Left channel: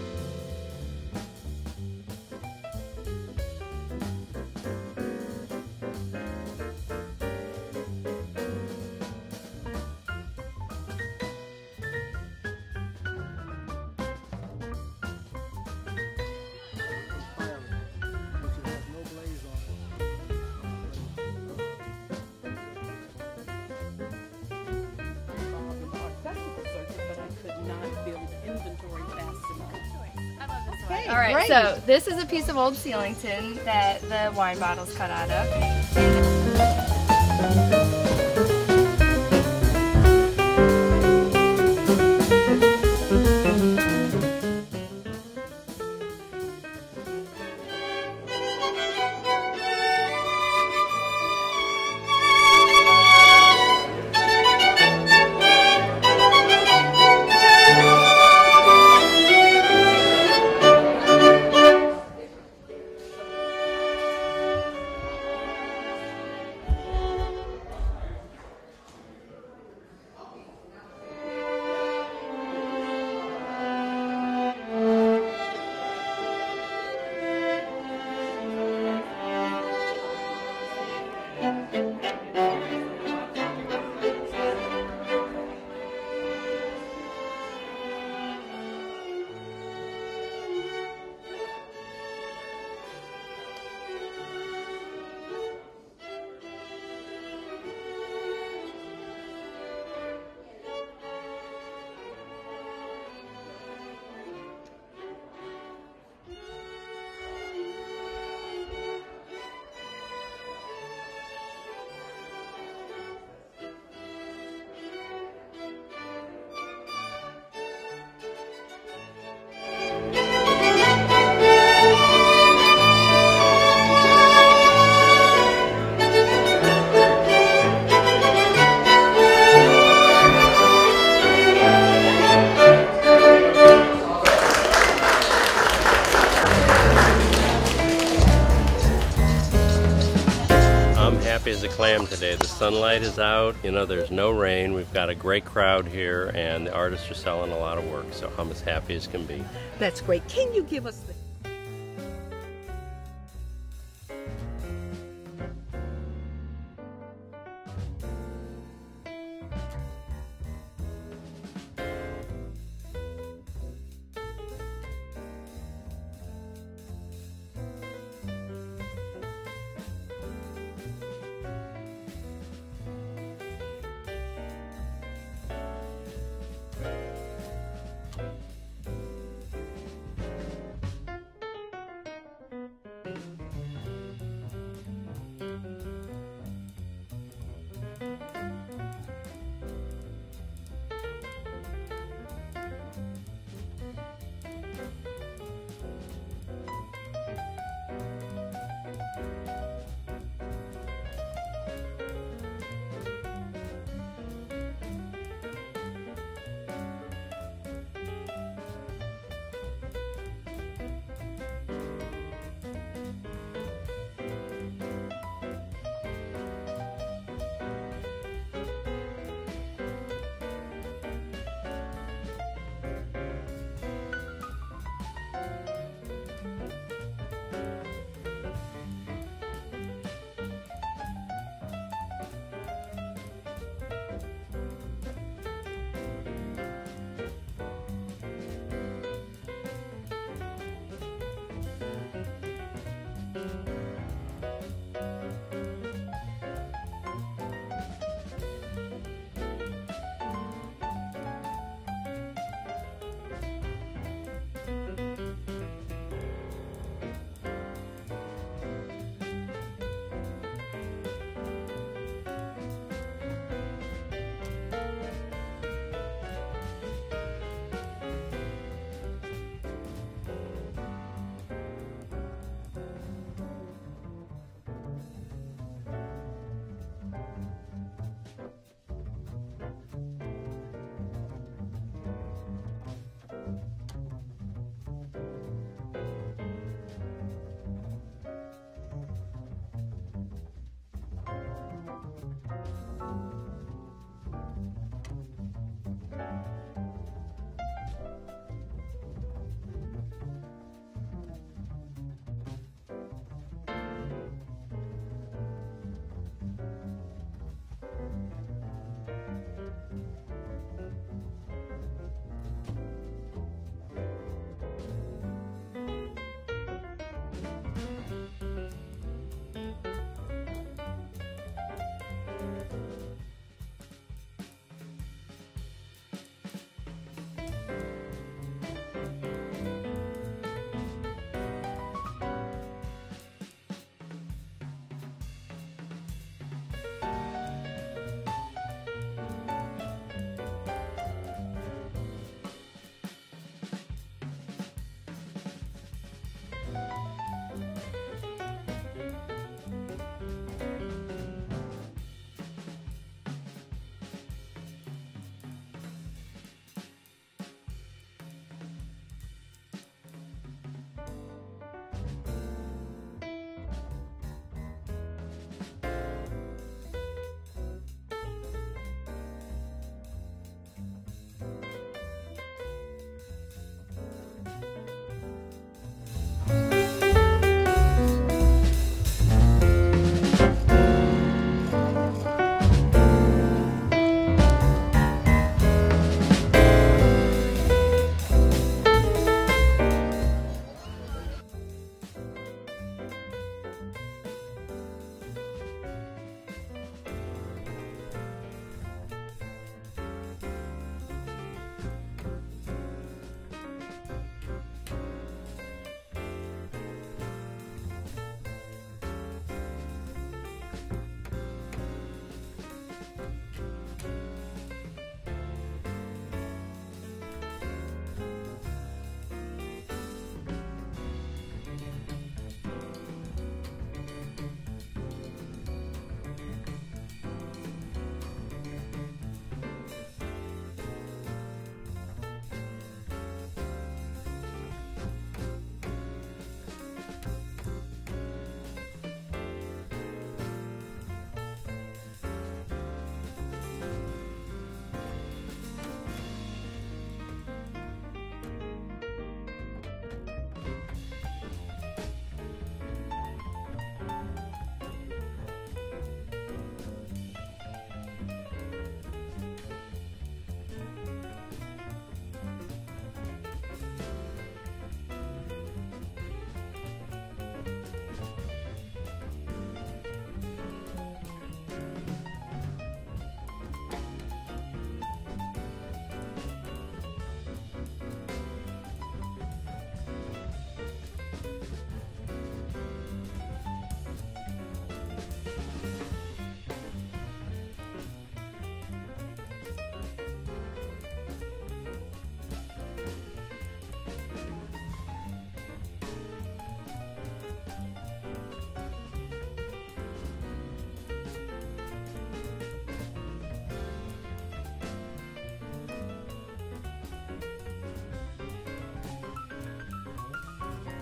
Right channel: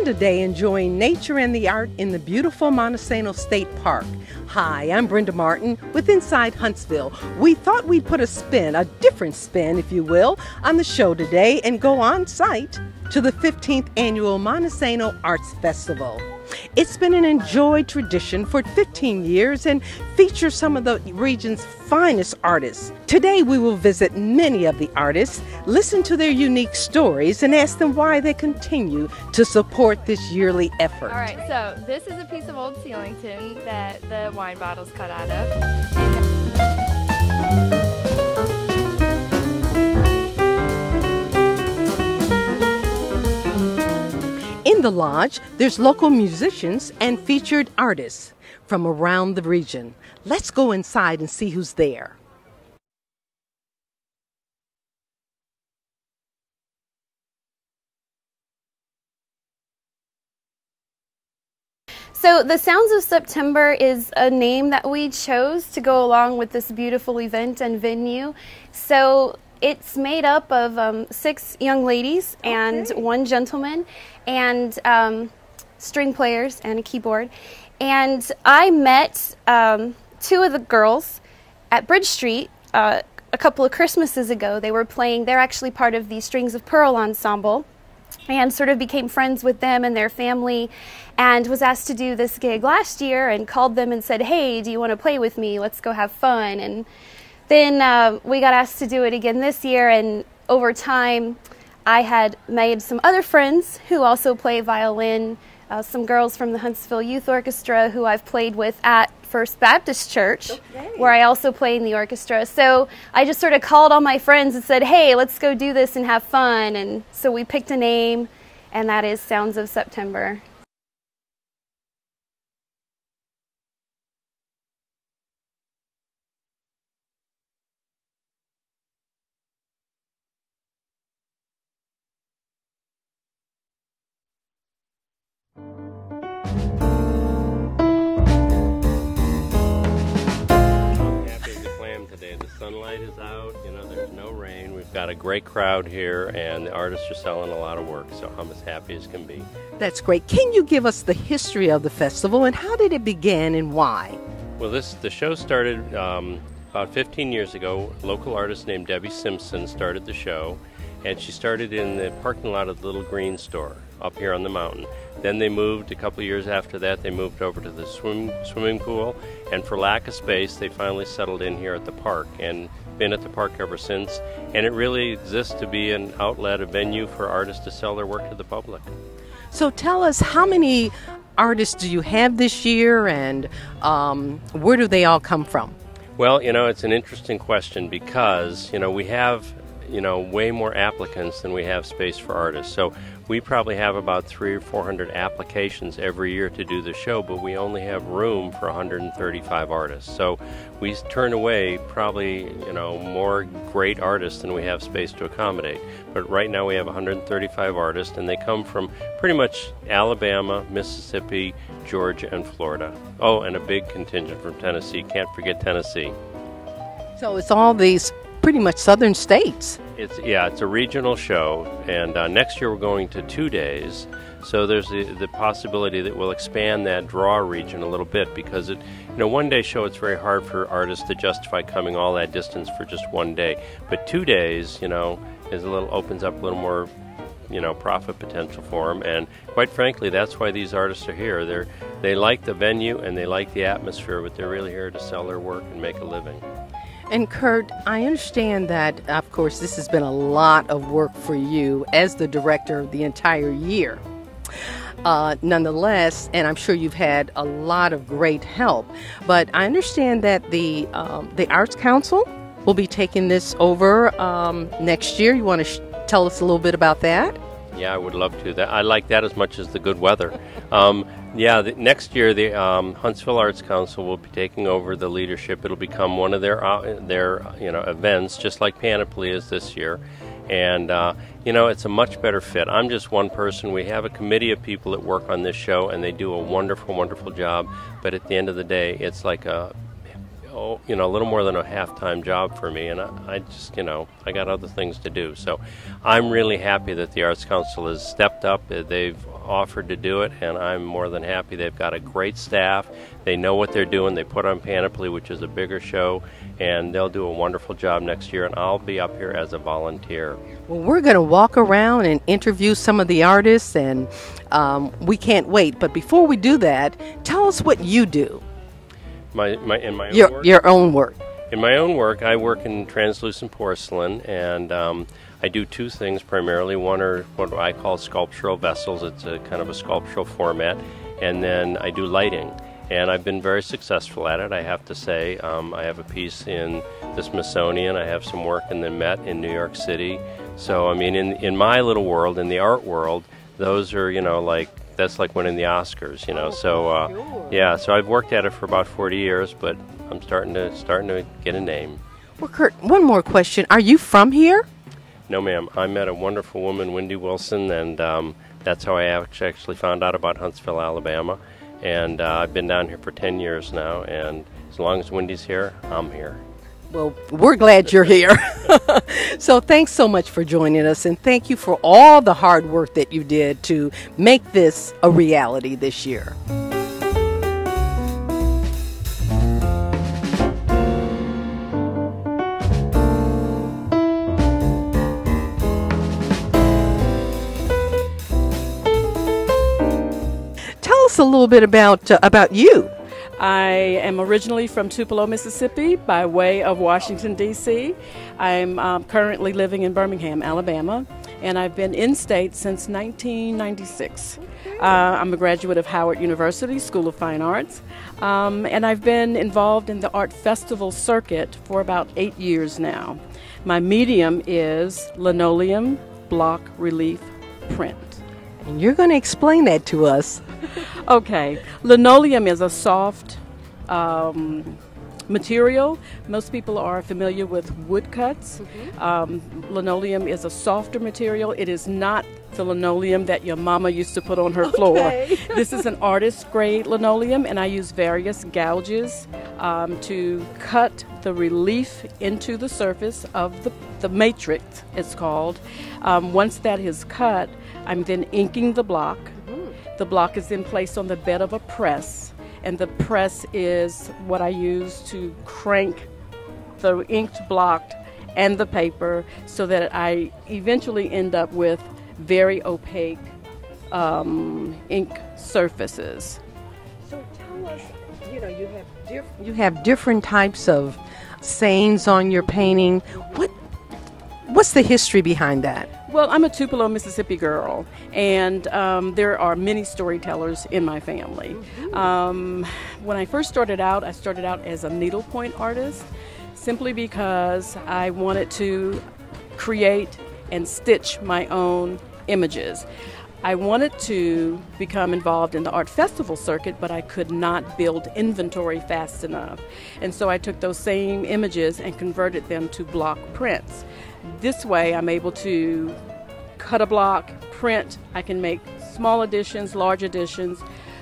spend a day enjoying nature and the art in the beautiful Monte Sano State Park. Hi, I'm Brenda Martin with Inside Huntsville. We thought we'd put a spin, a different spin, if you will, on the show today and go on site to the 15th Annual Monte Sano Arts Festival. It's been an enjoyed tradition for 15 years and features some of the region's finest artists. Today we will visit many of the artists, listen to their unique stories, and ask them why they continue to support this yearly effort. All right, so this is a piece of old ceiling tin that the wine bottle's cut out of. In the lodge, there's local musicians and featured artists from around the region. Let's go inside and see who's there. So the Sounds of September is a name that we chose to go along with this beautiful event and venue. So it's made up of 6 young ladies and 1 gentleman and string players and a keyboard. And I met 2 of the girls at Bridge Street a couple of Christmases ago. They were playing, they're actually part of the Strings of Pearl ensemble, and sort of became friends with them and their family, and was asked to do this gig last year and called them and said, hey, do you want to play with me? Let's go have fun. And then we got asked to do it again this year, and over time I had made some other friends who also play violin, some girls from the Huntsville Youth Orchestra who I've played with at First Baptist Church, where I also play in the orchestra. So I just sort of called all my friends and said, hey, let's go do this and have fun. And so we picked a name, and that is Sounds of September. As a clam today. The sunlight is out, you know, there's no rain. We've got a great crowd here, and the artists are selling a lot of work, so I'm as happy as can be. That's great. Can you give us the history of the festival and how did it begin and why? Well, the show started about 15 years ago. A local artist named Debbie Simpson started the show, and she started in the parking lot of the Little Green Store up here on the mountain. Then they moved, a couple of years after that, they moved over to the swimming pool, and for lack of space, they finally settled in here at the park and been at the park ever since. And it really exists to be an outlet, a venue for artists to sell their work to the public. So tell us, how many artists do you have this year, and where do they all come from? Well, you know, it's an interesting question because, you know, we have, you know, way more applicants than we have space for artists. So we probably have about 300 or 400 applications every year to do the show, but we only have room for 135 artists. So we turn away probably, you know, more great artists than we have space to accommodate. But right now we have 135 artists, and they come from pretty much Alabama, Mississippi, Georgia, and Florida. Oh, and a big contingent from Tennessee. Can't forget Tennessee. So it's all these pretty much southern states. It's a regional show, and next year we're going to 2 days. So there's the possibility that we'll expand that draw region a little bit, because one-day show, it's very hard for artists to justify coming all that distance for just 1 day. But 2 days, you know, opens up a little more, you know, profit potential for them. And quite frankly, that's why these artists are here. They like the venue and they like the atmosphere, but they're really here to sell their work and make a living. And Curt, I understand that, of course, this has been a lot of work for you as the director of the entire year. Nonetheless, and I'm sure you've had a lot of great help, but I understand that the Arts Council will be taking this over next year. You want to tell us a little bit about that? Yeah, I would love to. I like that as much as the good weather. Next year the Huntsville Arts Council will be taking over the leadership. It'll become one of their events, just like Panoply is this year. And it's a much better fit. I'm just one person. We have a committee of people that work on this show, and they do a wonderful, wonderful job. But at the end of the day, it's like a little more than a half-time job for me, and I just, I got other things to do. So I'm really happy that the Arts Council has stepped up. They've offered to do it, and I'm more than happy. They've got a great staff. They know what they're doing. They put on Panoply, which is a bigger show, and they'll do a wonderful job next year, and I'll be up here as a volunteer. Well, we're going to walk around and interview some of the artists, and we can't wait. But before we do that, tell us what you do. Your own work. In my own work, I work in translucent porcelain, and I do two things primarily. One are what I call sculptural vessels. It's a kind of a sculptural format. And then I do lighting. And I've been very successful at it, I have to say. I have a piece in the Smithsonian. I have some work in the Met in New York City. So, I mean, in my little world, in the art world, those are, that's like winning the Oscars, So, yeah, so I've worked at it for about 40 years, but I'm starting to get a name. Well, Curt, one more question. Are you from here? No, ma'am. I met a wonderful woman, Wendy Wilson, and that's how I actually found out about Huntsville, Alabama. And I've been down here for 10 years now, and as long as Wendy's here, I'm here. Well, we're glad you're here. So thanks so much for joining us, and thank you for all the hard work that you did to make this a reality this year. Tell us a little bit about you. I am originally from Tupelo, Mississippi, by way of Washington, D.C. I'm currently living in Birmingham, Alabama, and I've been in-state since 1996. I'm a graduate of Howard University School of Fine Arts, and I've been involved in the art festival circuit for about 8 years now. My medium is linoleum block relief print. And you're going to explain that to us. Okay, linoleum is a soft material. Most people are familiar with woodcuts. Linoleum is a softer material. It is not the linoleum that your mama used to put on her floor. Okay. This is an artist grade linoleum, and I use various gouges to cut the relief into the surface of the matrix, it's called. Once that is cut, I'm then inking the block. The block is then placed on the bed of a press, and the press is what I use to crank the inked block and the paper so that I eventually end up with very opaque ink surfaces. So tell us, you have different types of sayings on your painting. What's the history behind that? Well, I'm a Tupelo, Mississippi girl, and there are many storytellers in my family. When I first started out, I started out as a needlepoint artist simply because I wanted to create and stitch my own images. I wanted to become involved in the art festival circuit, but I could not build inventory fast enough. And so I took those same images and converted them to block prints. This way I'm able to cut a block, print, I can make small editions, large editions.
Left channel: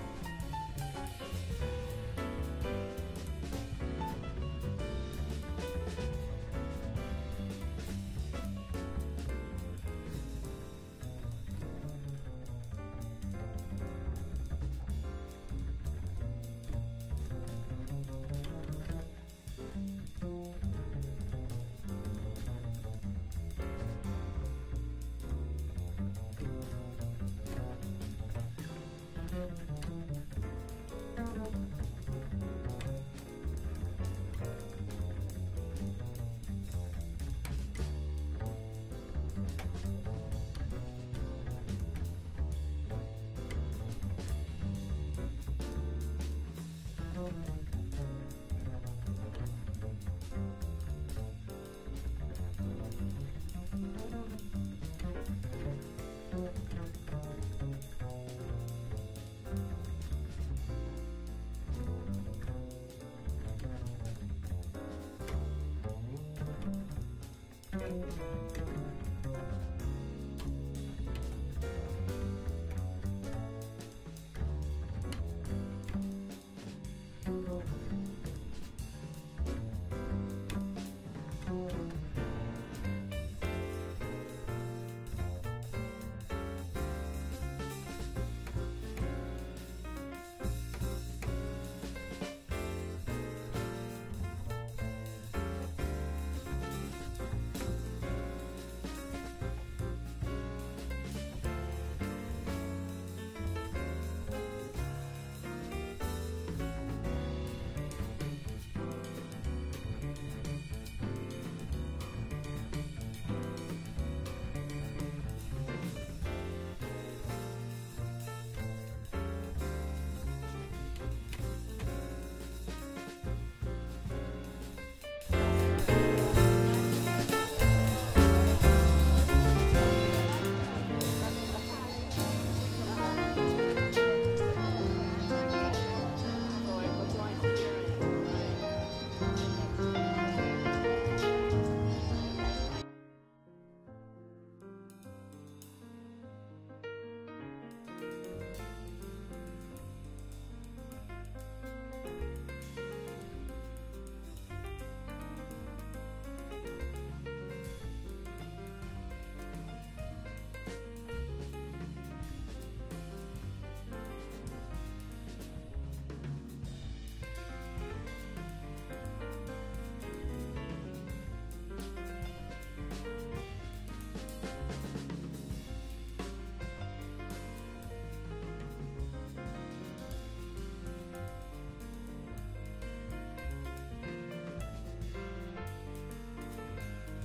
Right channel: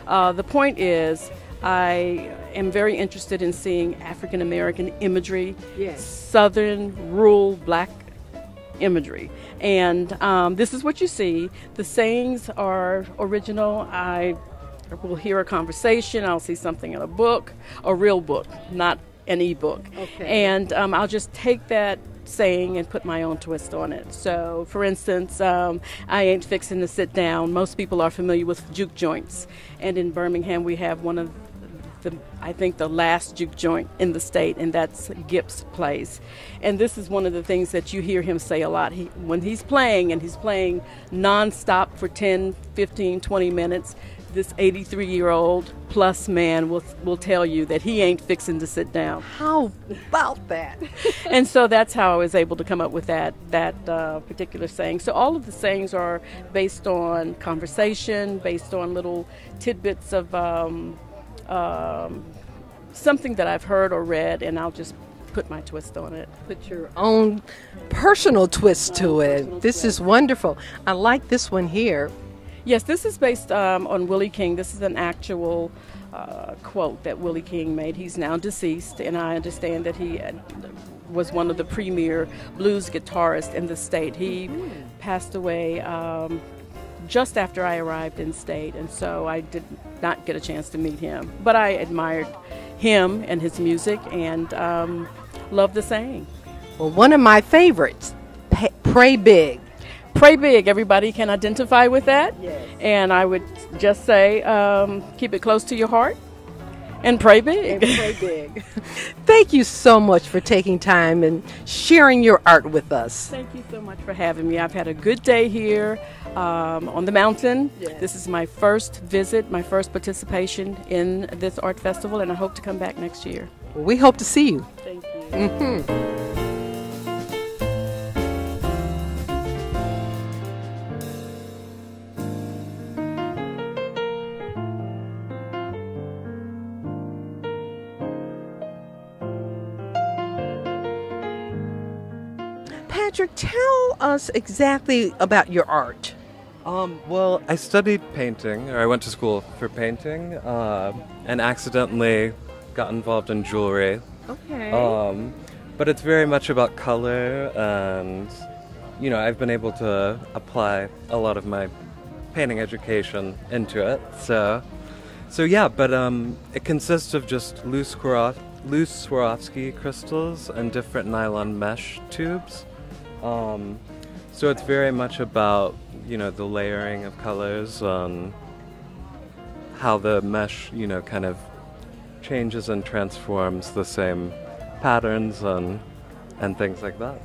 The point is I am very interested in seeing African American imagery, yes, Southern rural black imagery. And this is what you see. The sayings are original. I will hear a conversation, I'll see something in a book, a real book, not an e-book. Okay. And I'll just take that saying and put my own twist on it. So, for instance, I ain't fixing to sit down. Most people are familiar with juke joints. And in Birmingham, we have one of I think the last juke joint in the state, and that's Gipp's Place. And this is one of the things that you hear him say a lot. When he's playing, and he's playing non-stop for 10, 15, 20 minutes, this 83-year-old plus man will tell you that he ain't fixing to sit down. How about that? And so that's how I was able to come up with that particular saying. So all of the sayings are based on conversation, based on little tidbits of something that I've heard or read, and I'll just put my twist on it. Put your own personal twist to it. This is wonderful. I like this one here. Yes, this is based on Willie King. This is an actual quote that Willie King made. He's now deceased, and I understand that he was one of the premier blues guitarists in the state. He passed away just after I arrived in state, and so I did not get a chance to meet him. But I admired him and his music, and loved the saying. Well, one of my favorites, pray big. Pray big. Everybody can identify with that. Yes. And I would just say, keep it close to your heart and pray big. And pray big. Thank you so much for taking time and sharing your art with us. Thank you so much for having me. I've had a good day here on the mountain. Yes. This is my first visit, my first participation in this art festival, and I hope to come back next year. Well, we hope to see you. Thank you. Patrick, tell us exactly about your art. Well, I studied painting, or I went to school for painting, and accidentally got involved in jewelry. Okay. But it's very much about color, and, you know, I've been able to apply a lot of my painting education into it. So yeah, but it consists of just loose Swarovski crystals and different nylon mesh tubes. So it's very much about, you know, the layering of colors and how the mesh, you know, kind of changes and transforms the same patterns and things like that.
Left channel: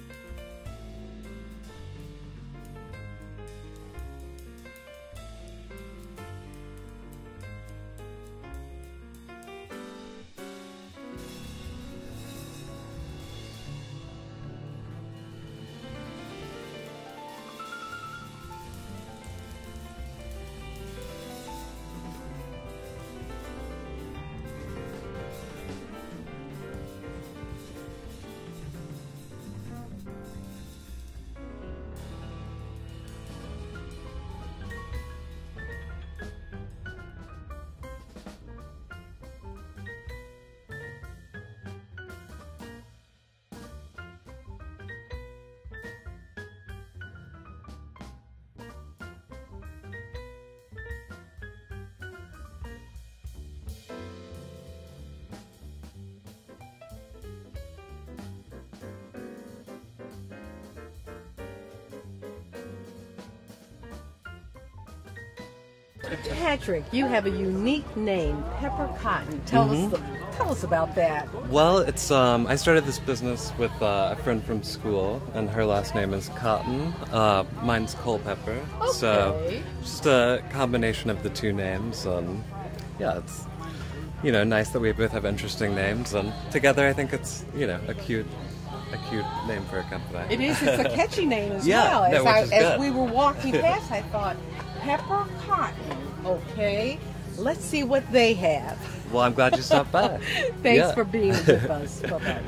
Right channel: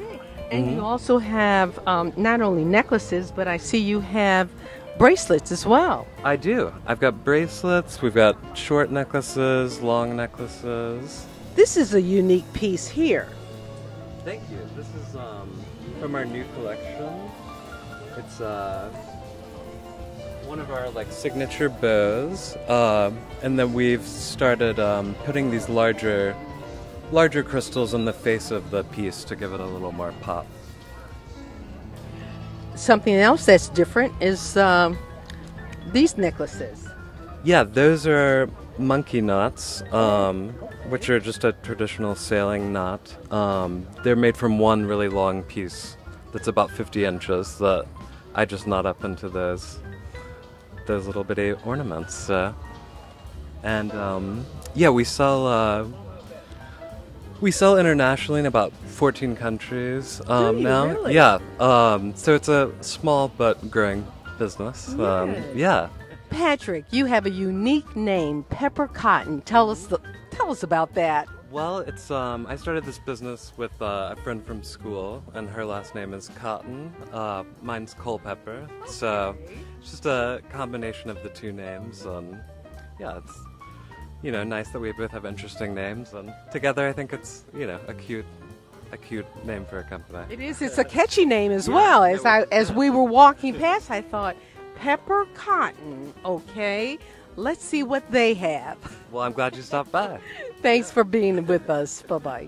Okay. And you also have not only necklaces, but I see you have bracelets as well. I do. I've got bracelets, we've got short necklaces, long necklaces. This is a unique piece here. Thank you. This is from our new collection. It's one of our like signature bows, and then we've started putting these larger crystals in the face of the piece to give it a little more pop. Something else that's different is these necklaces. Yeah, those are monkey knots, which are just a traditional sailing knot. They're made from one really long piece that's about 50 inches that I just knot up into those little bitty ornaments. And yeah, we sell internationally in about 14 countries now. Really? Yeah. So it's a small but growing business. Yeah. Patrick, you have a unique name, Peppercotton. Tell us about that. Well, it's I started this business with a friend from school, and her last name is Cotton. Mine's Culpepper. Okay. So just a combination of the two names. Yeah, it's, you know, nice that we both have interesting names, and together I think it's, you know, a cute name for a company. It is. It's a catchy name as Yeah, well. as We were walking past, I thought, Peppercotton. Okay, let's see what they have. Well, I'm glad you stopped by. Thanks for being with us. Bye-bye.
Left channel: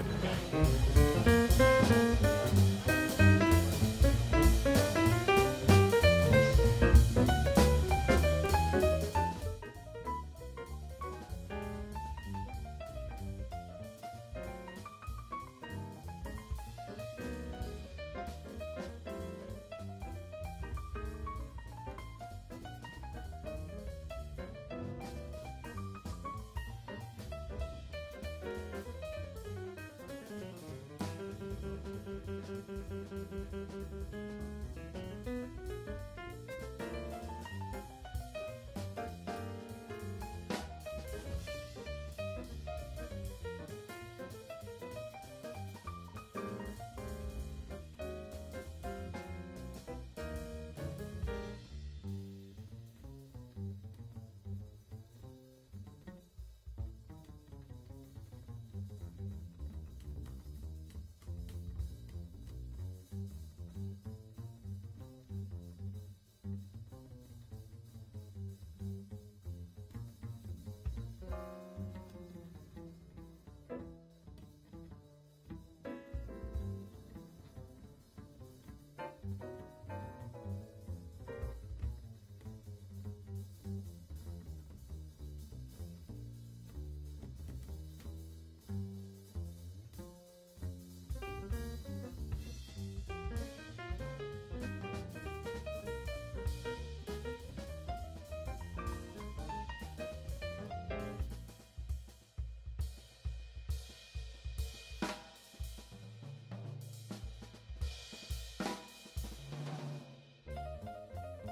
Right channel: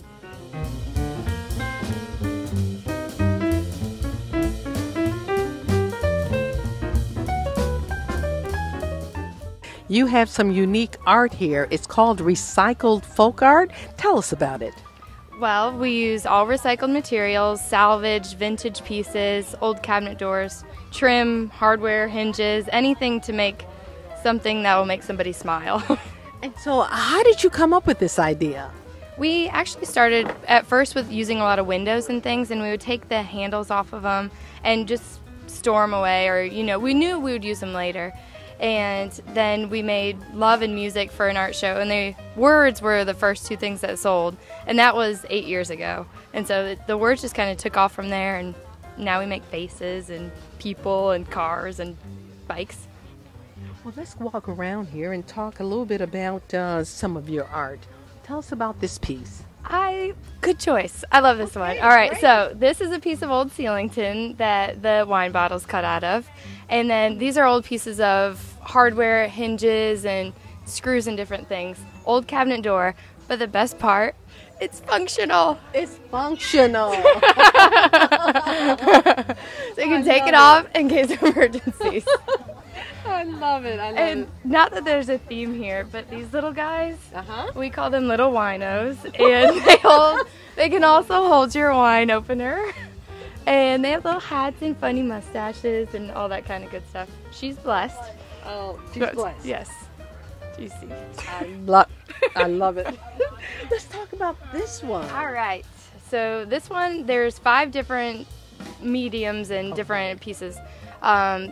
You have some unique art here. It's called recycled folk art. Tell us about it. Well, we use all recycled materials, salvage, vintage pieces, old cabinet doors, trim, hardware, hinges, anything to make something that will make somebody smile. And so how did you come up with this idea? We actually started at first with using a lot of windows and things, and we would take the handles off of them and just store them away, or, you know, we knew we would use them later. And then we made love and music for an art show, and the words were the first two things that sold, and that was 8 years ago. And so the words just kind of took off from there, and now we make faces and people and cars and bikes. Well, let's walk around here and talk a little bit about some of your art. Tell us about this piece. Good choice. I love this one. All right, great. So this is a piece of old ceiling tin that the wine bottle's cut out of. And then these are old pieces of hardware, hinges, and screws and different things. Old cabinet door. But the best part, it's functional. It's functional. So you can take it off in case of emergencies. I love it. And not that there's a theme here, but these little guys, we call them little winos, and they can also hold your wine opener. And they have little hats and funny mustaches and all that kind of good stuff. She's blessed. Oh, she's But- blessed. Yes. You see. I love it. Let's talk about this one. All right. So this one, there's 5 different mediums and different pieces.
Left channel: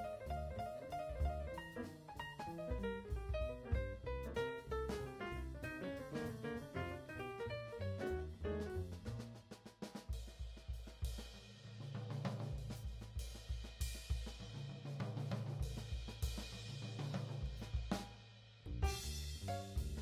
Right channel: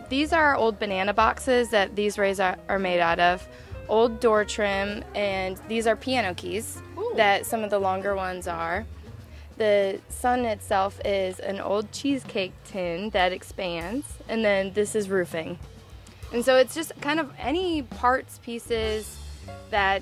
These are old banana boxes that these rays are made out of. Old door trim, and these are piano keys that some of the longer ones are. The sun itself is an old cheesecake tin that expands, and then this is roofing. And so it's just kind of any parts, pieces that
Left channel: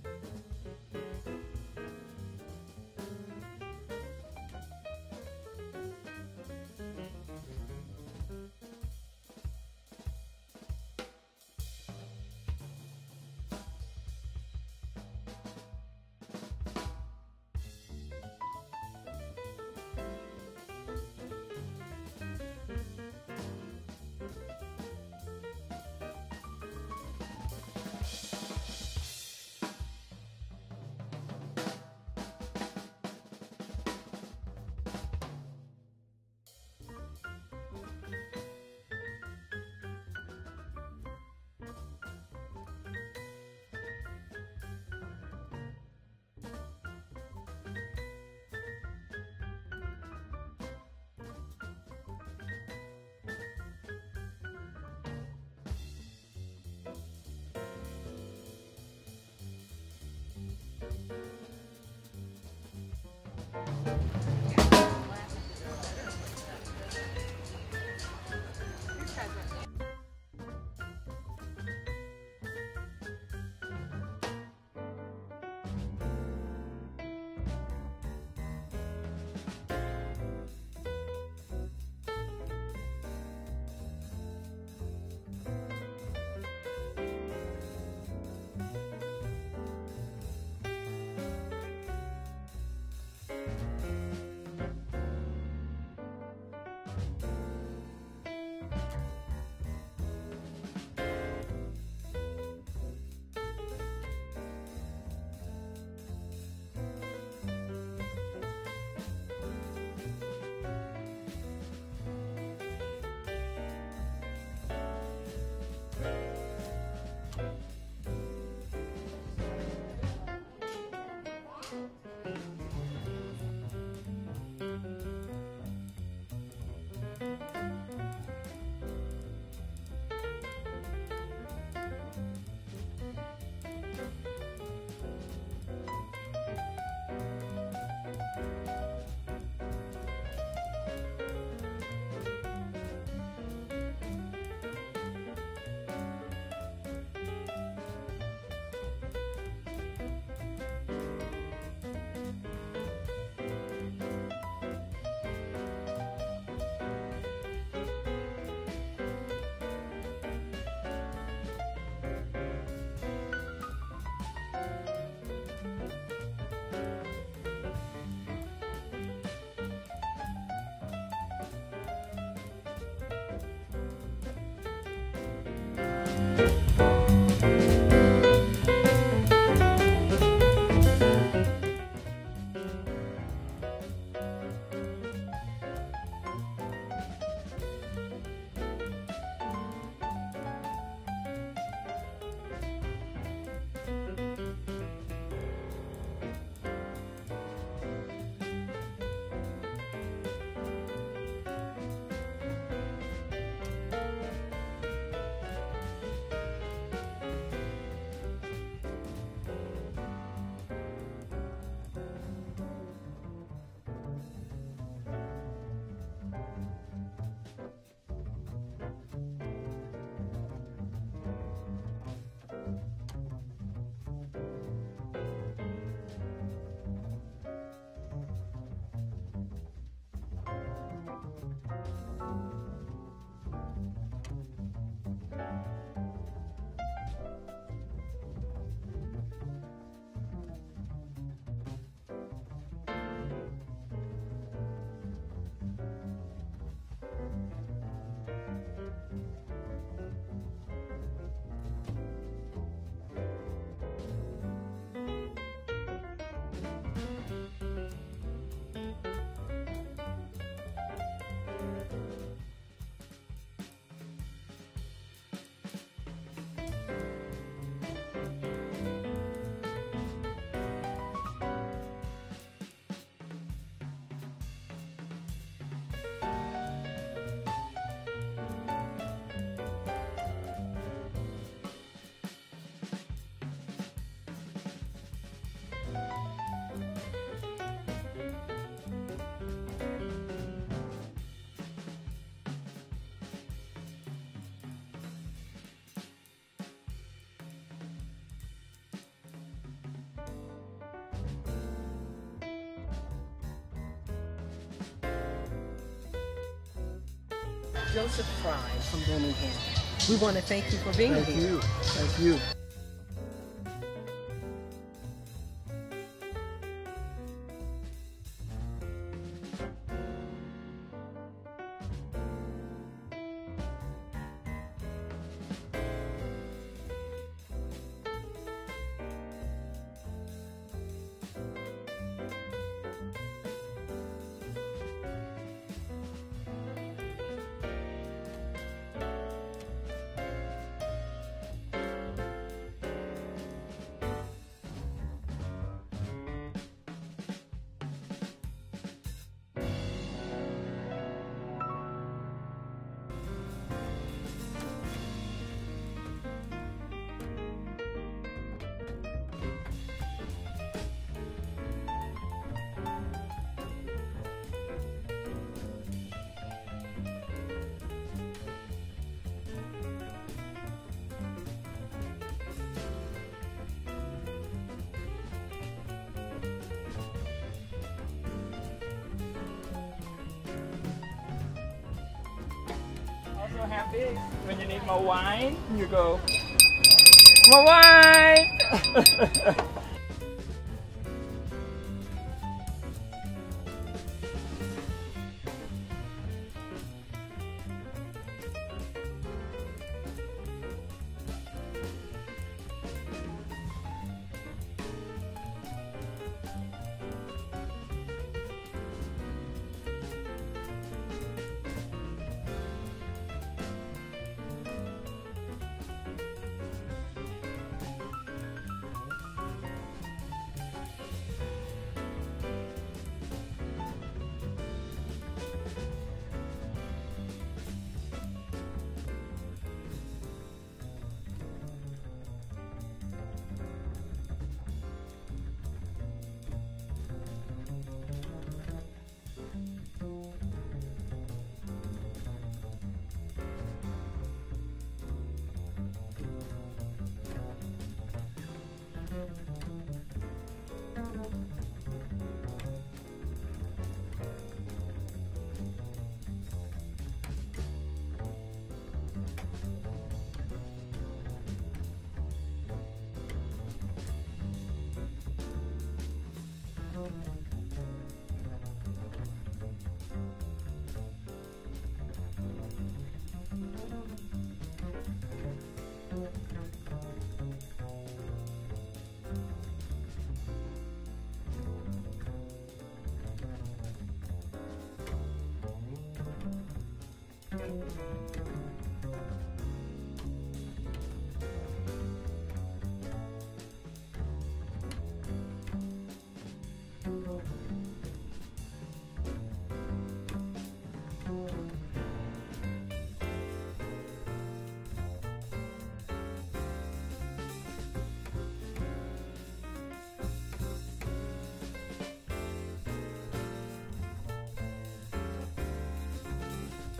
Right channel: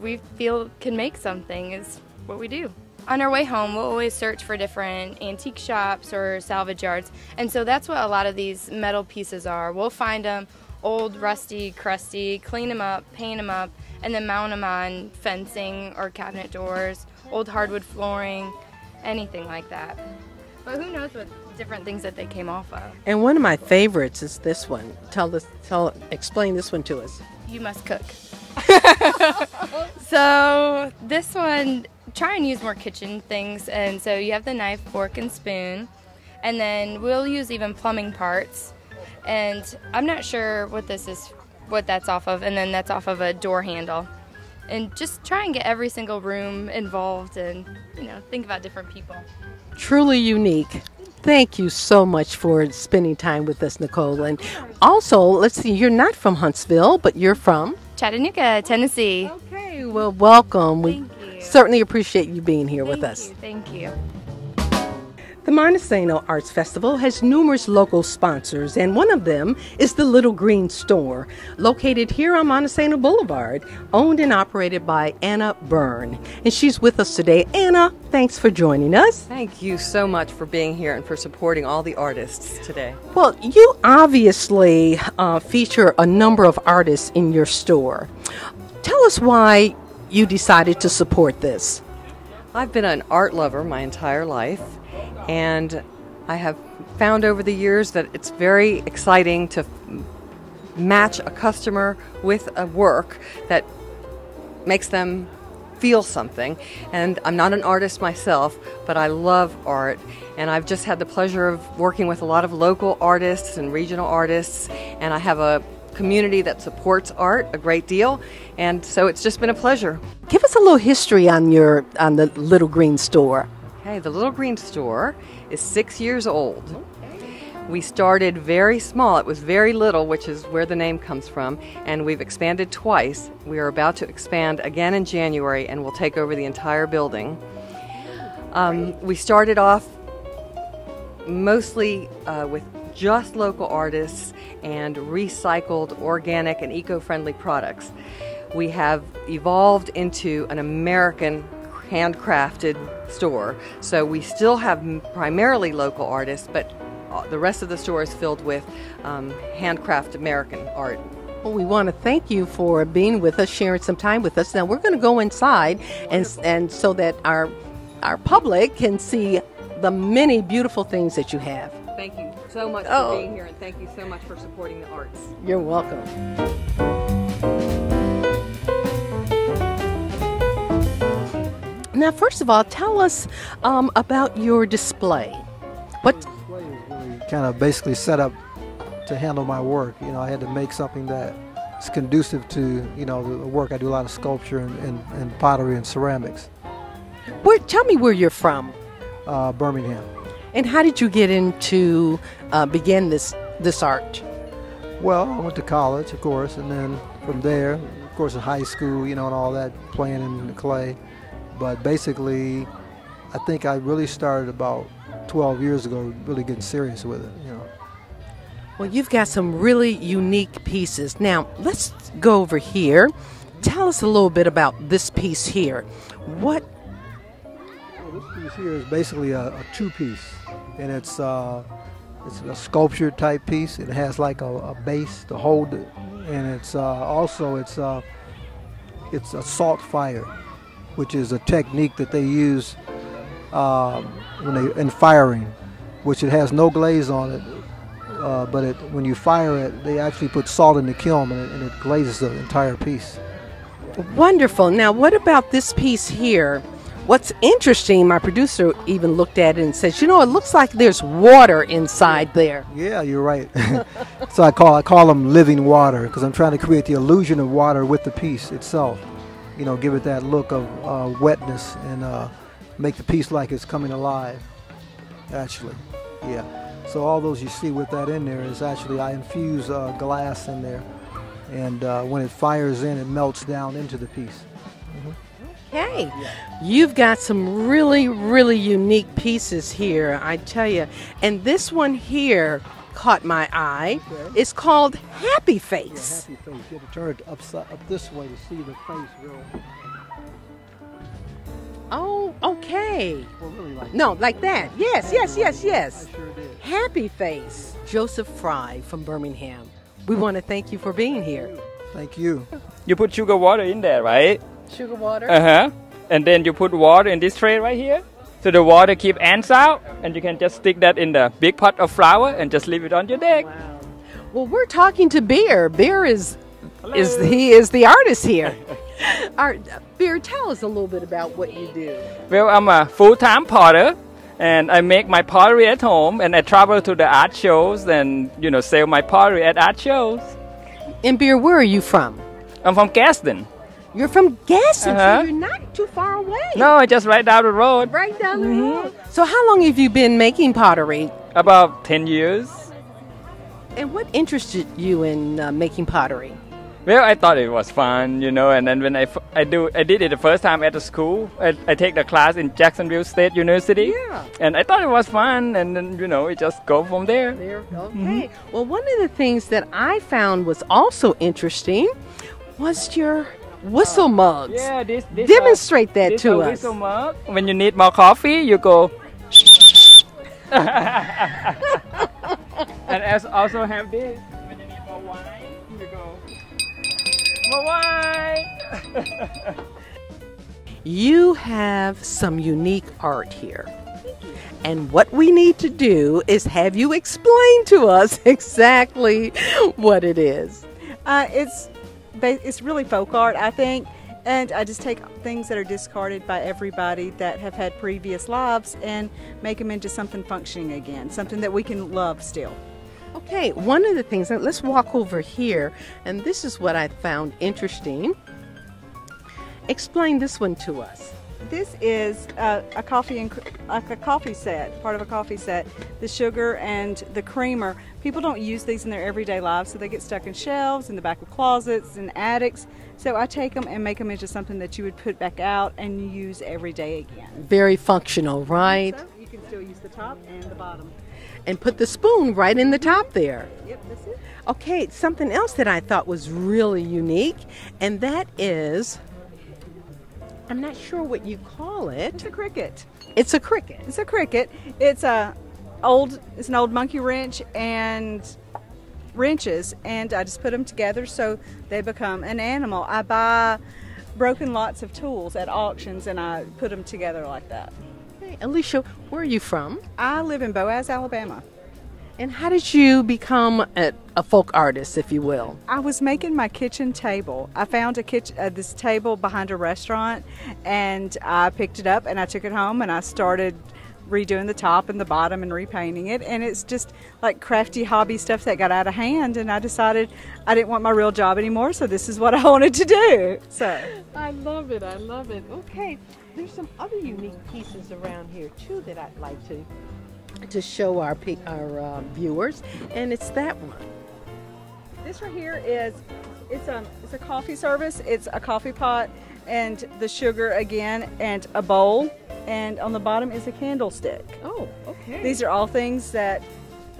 we feel can make something is what we do. On our way home, we'll always search for different antique shops or salvage yards, and so that's what a lot of these metal pieces are. We'll find them old, rusty, crusty, clean them up, paint them up, and then mount them on fencing or cabinet doors, old hardwood flooring, anything like that. But who knows what different things that they came off of. And one of my favorites is this one. Explain this one to us. You must cook. So this one, try and use more kitchen things, and so you have the knife, fork, and spoon, and then we'll use even plumbing parts. And I'm not sure what this is, what that's off of, and then that's off of a door handle. And just try and get every single room involved, and think about different people. Truly unique. Thank you so much for spending time with us, Nicole. And also, let's see, you're not from Huntsville, but you're from? Chattanooga, Tennessee. Okay, well, welcome. We certainly appreciate you being here with us. Thank you. The Monte Sano Arts Festival has numerous local sponsors, and one of them is the Little Green Store, located here on Monte Sano Boulevard, owned and operated by Anna Byrne. And she's with us today. Anna, thanks for joining us. Thank you so much for being here and for supporting all the artists today. Well, you obviously feature a number of artists in your store. Tell us why you decided to support this. I've been an art lover my entire life, and I have found over the years that it's very exciting to match a customer with a work that makes them feel something. And I'm not an artist myself, but I love art, and I've just had the pleasure of working with a lot of local artists and regional artists, and I have a community that supports art a great deal, and so it's just been a pleasure. Give us a little history on the Little Green Store. Hey, the Little Green Store is 6 years old. We started very small. It was very little, which is where the name comes from, and we've expanded twice. We are about to expand again in January, and we'll take over the entire building. We started off mostly with just local artists and recycled, organic, and eco-friendly products. We have evolved into an American handcrafted store, so we still have primarily local artists, but the rest of the store is filled with handcrafted American art. Well, we want to thank you for being with us, sharing some time with us. Now we're going to go inside, and so that our public can see the many beautiful things that you have. Thank you so much for being here, and thank you so much for supporting the arts. You're welcome. Now, first of all, tell us about your display. What? Kind of basically set up to handle my work. I had to make something that is conducive to, the work. I do a lot of sculpture and pottery and ceramics. Tell me where you're from. Birmingham. And how did you get into begin this art? Well, I went to college, of course, and then from there, of course, in high school, and all that, playing in the clay. But basically, I think I really started about 12 years ago, really getting serious with it. Well, you've got some really unique pieces. Now, let's go over here. Tell us a little bit about this piece here. What? Well, this piece here is basically a two-piece, and it's a sculpture type piece. It has like a base to hold it, and it's also a salt fire, which is a technique that they use in firing, which it has no glaze on it, but when you fire it, they actually put salt in the kiln, and it glazes the entire piece. Wonderful. Now, what about this piece here? What's interesting, my producer even looked at it and says, you know, it looks like there's water inside there. Yeah, you're right. So I call them living water because I'm trying to create the illusion of water with the piece itself. You know, give it that look of wetness and make the piece like it's coming alive, actually. Yeah. So all those you see with that in there is actually I infuse glass in there, and when it fires in, it melts down into the piece. Hey, you've got some really, really unique pieces here, I tell you. And this one here caught my eye. Okay. It's called Happy Face. Happy face. You have to turn it up this way to see the face real. Oh, okay. Well, really like No, like that. Yes, yes, yes, yes. I sure did. Happy Face. Joseph Frye from Birmingham. We want to thank you for being here. Thank you. You put sugar water in there, right? Sugar water. Uh-huh. And then you put water in this tray right here. So the water keep ants out, and you can just stick that in the big pot of flour and just leave it on your deck. Wow. Well, we're talking to Beer. Beer is the artist here. Beer, tell us a little bit about what you do. Well, I'm a full-time potter, and I make my pottery at home, and I travel to the art shows and, you know, sell my pottery at art shows. And Beer, where are you from? I'm from Gaston. You're from Gaston, Uh-huh. so you're not too far away. No, just right down the road. Right down the road. So how long have you been making pottery? About 10 years. And what interested you in making pottery? Well, I thought it was fun, you know, and then when I did it the first time at the school. I take the class in Jacksonville State University. Yeah. And I thought it was fun, and then, you know, it just go from there. Okay. Well, one of the things that I found was also interesting was your whistle mugs. Yeah, this Demonstrate that this to a us. whistle mug. When you need more coffee, you go. And I also have this. When you need more wine, you go. More wine. You have some unique art here. And what we need to do is have you explain to us exactly what it is. It's really folk art, I think, and I just take things that are discarded by everybody that have had previous lives and make them into something functioning again, something that we can love still. Okay, one of the things, let's walk over here, and this is what I found interesting. Explain this one to us. This is a coffee set, part of a coffee set. The sugar and the creamer. People don't use these in their everyday lives, so they get stuck in shelves, in the back of closets, in attics. So I take them and make them into something that you would put back out and use every day again. Very functional, right? So you can still use the top and the bottom. And put the spoon right in the top there. Yep, that's it. Okay, something else that I thought was really unique, and that is, I'm not sure what you call it. It's a cricket. It's a cricket. It's a cricket. It's an old monkey wrench and wrenches, and I just put them together so they become an animal. I buy broken lots of tools at auctions and I put them together like that. Hey, Alicia, where are you from? I live in Boaz, Alabama. And how did you become a folk artist, if you will? I was making my kitchen table. I found this table behind a restaurant, and I picked it up and I took it home and I started redoing the top and the bottom and repainting it, and it's just like crafty hobby stuff that got out of hand, and I decided I didn't want my real job anymore, so this is what I wanted to do. So I love it. I love it. Okay, there's some other unique pieces around here too that I'd like to show our viewers, and it's that one. this right here is it's a coffee service. It's a coffee pot and the sugar again and a bowl, and on the bottom is a candlestick. Oh, okay. These are all things that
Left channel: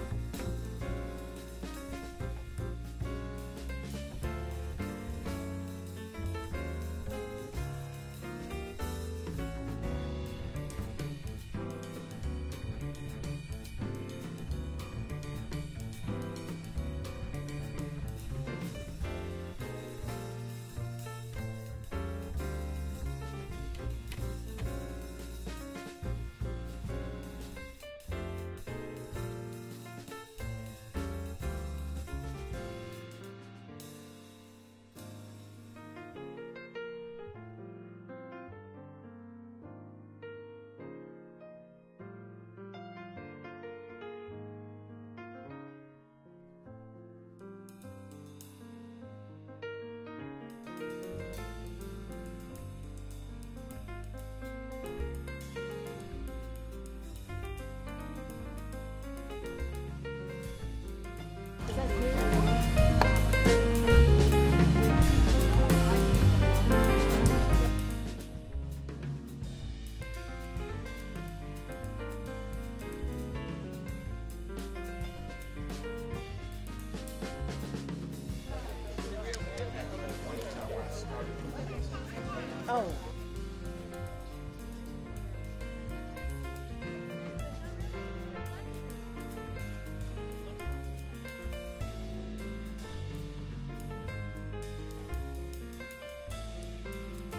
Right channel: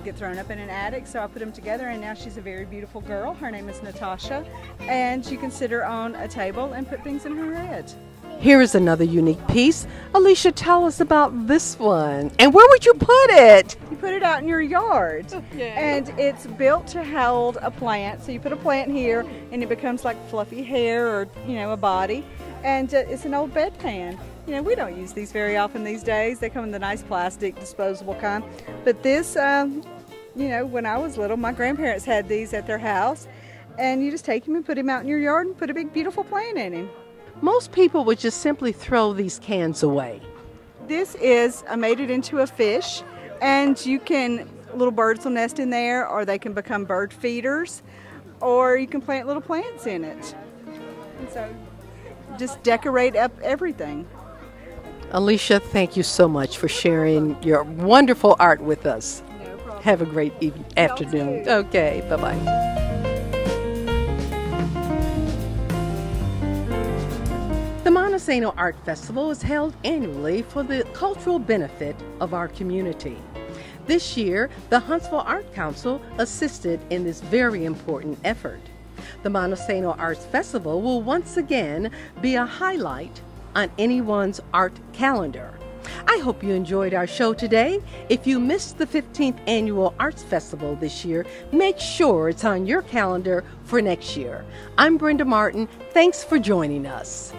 get thrown up in an attic, so I put them together, and now she's a very beautiful girl. Her name is Natasha, and you can sit her on a table and put things in her head. Here is another unique piece. Alicia, tell us about this one. And where would you put it? You put it out in your yard. Okay. And it's built to hold a plant. So you put a plant here and it becomes like fluffy hair or, a body. And it's an old bedpan. We don't use these very often these days. They come in the nice plastic, disposable kind. But this, when I was little, my grandparents had these at their house. And you just take him and put him out in your yard and put a big, beautiful plant in him. most people would just simply throw these cans away. This is, I made it into a fish, and little birds will nest in there, or they can become bird feeders, or you can plant little plants in it. And so just decorate up everything. Alicia, thank you so much for sharing your wonderful art with us. No problem. Have a great afternoon. too. Okay, bye-bye. The Monte Sano Art Festival is held annually for the cultural benefit of our community. This year, the Huntsville Art Council assisted in this very important effort. The Monte Sano Arts Festival will once again be a highlight on anyone's art calendar. I hope you enjoyed our show today. If you missed the 15th Annual Arts Festival this year, make sure it's on your calendar for next year. I'm Brenda Martin. Thanks for joining us.